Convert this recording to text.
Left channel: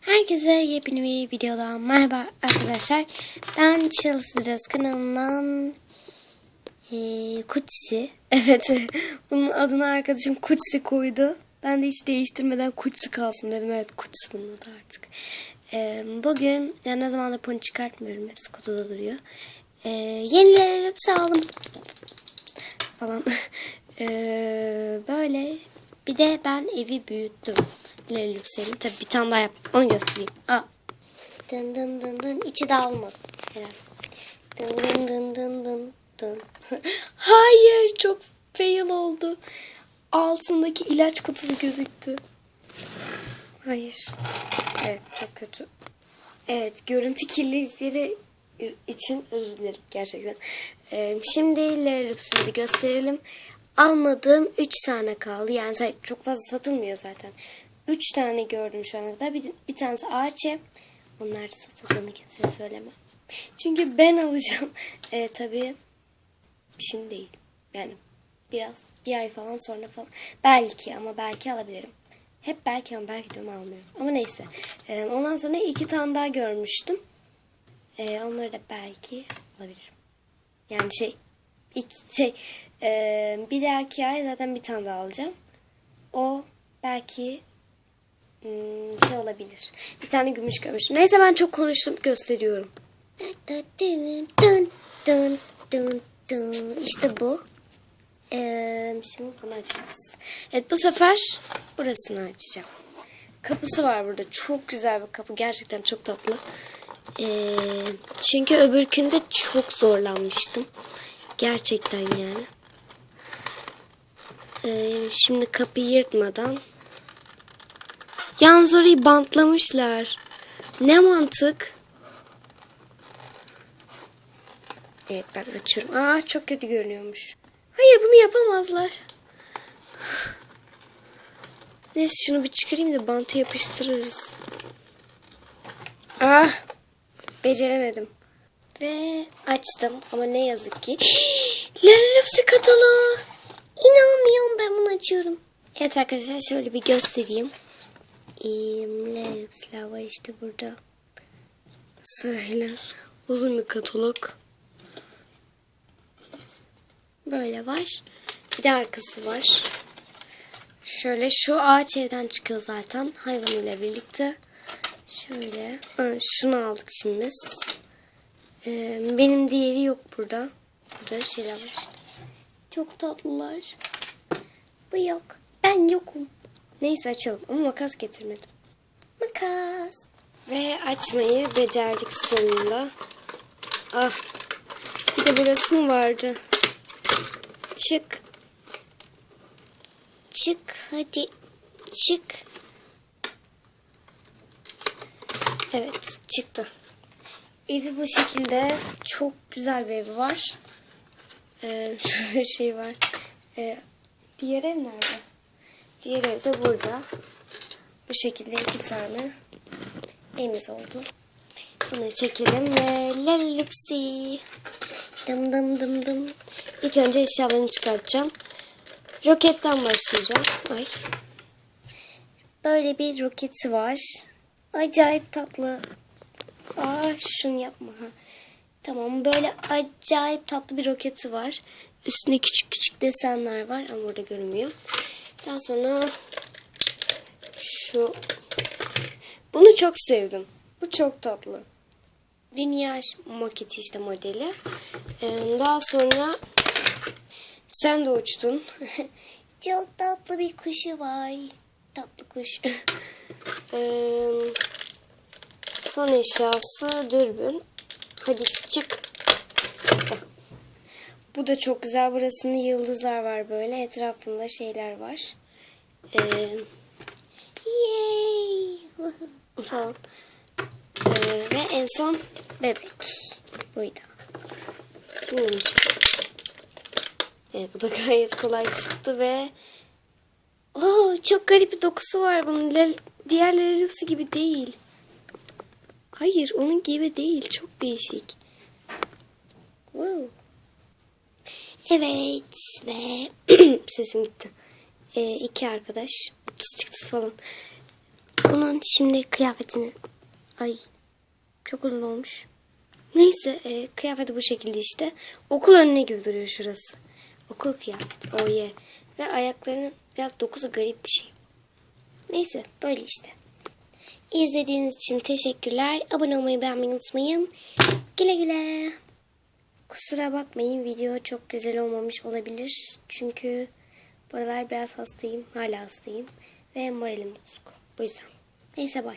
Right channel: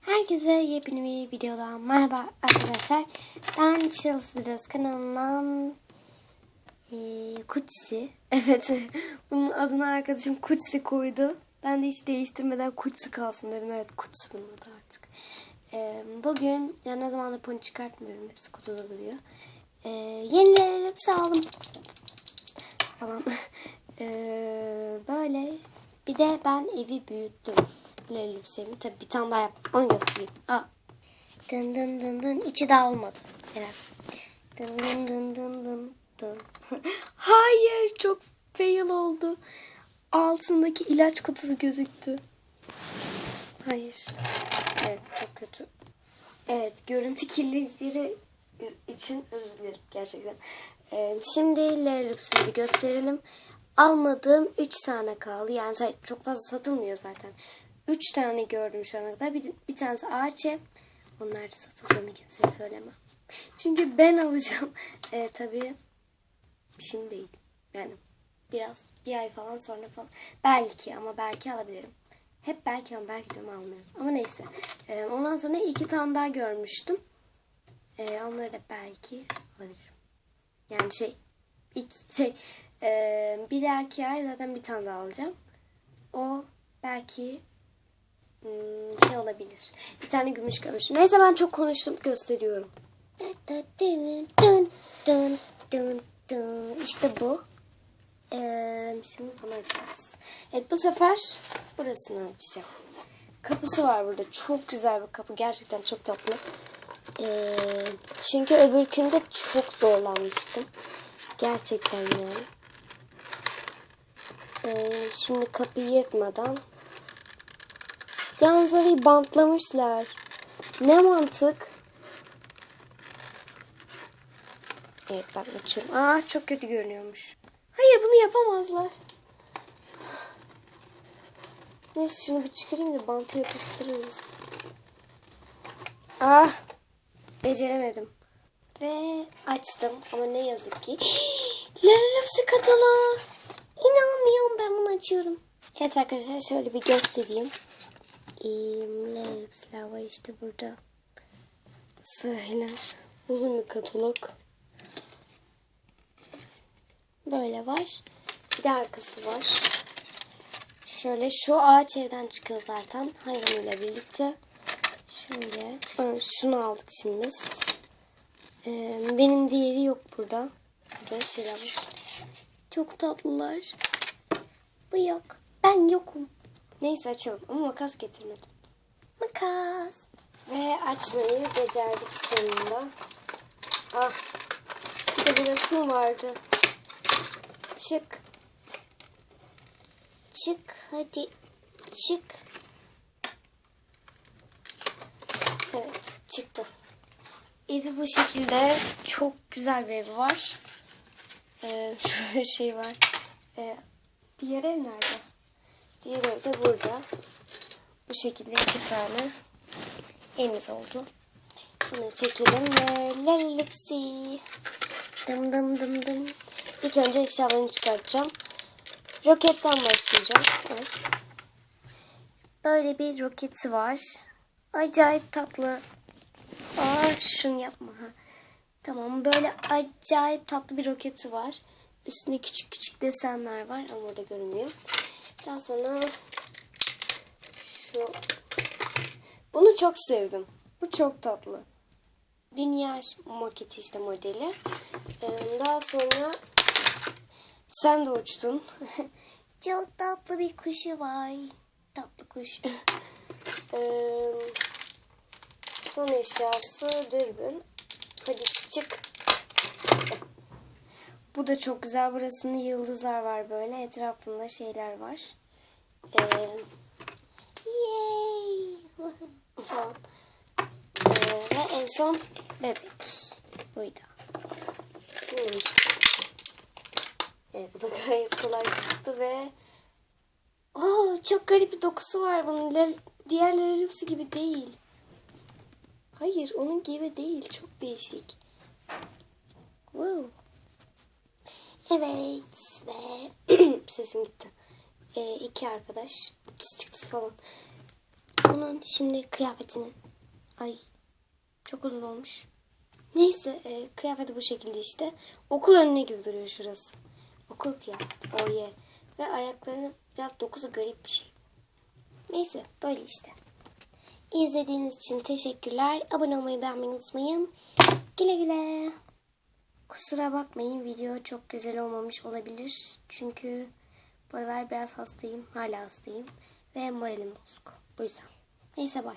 Herkese yepyeni bir videodan merhaba arkadaşlar. Ben Chelsea kanalından ee, Kutsi. Evet bunun adını arkadaşım Kutsi koydu. Ben de hiç değiştirmeden Kutsi kalsın dedim. Evet Kutsi bunun adı artık. Ee, bugün ya ne zamandır pony çıkartmıyorum. Hepsi kutuda duruyor. Ee, yenileri hepsi aldım. Falan. Ee, böyle. Bir de ben evi büyüttüm. Lelüpsel'in. Tabii bir tane daha yaptım. Onu göstereyim. Aa. Dın dın dın dın. İçi dağılmadı. Dın dın dın dın dın dın. Hayır çok fail oldu. Altındaki ilaç kutusu gözüktü. Hayır. Evet çok kötü. Evet görüntü kirlilikleri için özür dilerim gerçekten. Ee, şimdi Lelüpsel'i gösterelim. Almadığım 3 tane kaldı. Yani çok fazla satılmıyor zaten. 3 tane gördüm şu ana kadar. Bir, bir tanesi ağaç ev. Da satıldığını kimseye söylemem. Çünkü ben alacağım. Ee, tabii şimdi değil. Yani biraz bir ay falan sonra falan. Belki ama belki alabilirim. Hep belki ama belki de almıyorum. Ama neyse. Ee, ondan sonra iki tane daha görmüştüm. Ee, onları da belki alabilirim. Yani şey iki, şey e, bir dahaki ay zaten bir tane daha alacağım. O belki şey olabilir. Bir tane gümüş görmüştüm. Neyse ben çok konuştum gösteriyorum. İşte bu. Ee, şimdi bunu açacağız. Evet bu sefer burasını açacağım. Kapısı var burada. Çok güzel bir kapı. Gerçekten çok tatlı. Ee, çünkü öbürkünde çok zorlanmıştım. Gerçekten yani. Ee, şimdi kapıyı yırtmadan. Yalnız orayı bantlamışlar. Ne mantık? Evet ben açıyorum. Aa çok kötü görünüyormuş. Hayır bunu yapamazlar. Neyse şunu bir çıkarayım da bantı yapıştırırız. Ah beceremedim. Ve açtım ama ne yazık ki. Lalapsi kataloğu. İnanmıyorum ben bunu açıyorum. Evet arkadaşlar şöyle bir göstereyim. Lalapsiler var işte burada. Sırayla uzun bir katalog. Böyle var. Bir de arkası var. Şöyle şu ağaç evden çıkıyor zaten. Hayvan ile birlikte. Şöyle. Ha, şunu aldık şimdi biz. Ee, benim diğeri yok burada. Burada şey var. Çok tatlılar. Bu yok. Ben yokum. Neyse açalım ama makas getirmedim. Makas. Ve açmayı becerdik sonunda. Ah. Bir de burası mı vardı? Çık. Çık hadi. Çık. Evet çıktı. Evi bu şekilde çok güzel bir evi var. Ee, şurada şey var. Ee, diğer ev nerede? Diğer ev de burada. Bu şekilde iki tane evimiz oldu. Bunları çekelim ve lalupsi. Dım dım dım dım. İlk önce eşyalarını çıkartacağım. Roketten başlayacağım. Ay. Böyle bir roketi var. Acayip tatlı. Aa, şunu yapma. Tamam böyle acayip tatlı bir roketi var. Üstünde küçük küçük desenler var ama burada görünmüyor. Daha sonra şu bunu çok sevdim. Bu çok tatlı. Dünya maketi işte modeli. Ee, daha sonra sen de uçtun. çok tatlı bir kuşu var. Tatlı kuş. Ee, son eşyası dürbün. Hadi çık. Çıktı. Bu da çok güzel. Burasında yıldızlar var böyle. Etrafında şeyler var. Ee, yay! falan. Ee, ve en son bebek. Buydu. Bilmiyorum çıktı. Evet bu da gayet kolay çıktı ve Oo, çok garip bir dokusu var bunun. Lel, diğer Lelupsi gibi değil. Hayır onun gibi değil. Çok değişik. Evet ve sesim gitti. Ee, iki arkadaş çıktı falan. Bunun şimdi kıyafetini... Ay çok uzun olmuş. Neyse e, kıyafeti bu şekilde işte. Okul önüne gibi duruyor şurası. Okul kıyafeti. Oh yeah. Ve ayaklarının biraz dokusu garip bir şey. Neyse böyle işte. İzlediğiniz için teşekkürler. Abone olmayı beğenmeyi unutmayın. Güle güle. Kusura bakmayın video çok güzel olmamış olabilir. Çünkü bu aralar biraz hastayım. Hala hastayım. Ve moralim bozuk. Bu yüzden. Neyse bay.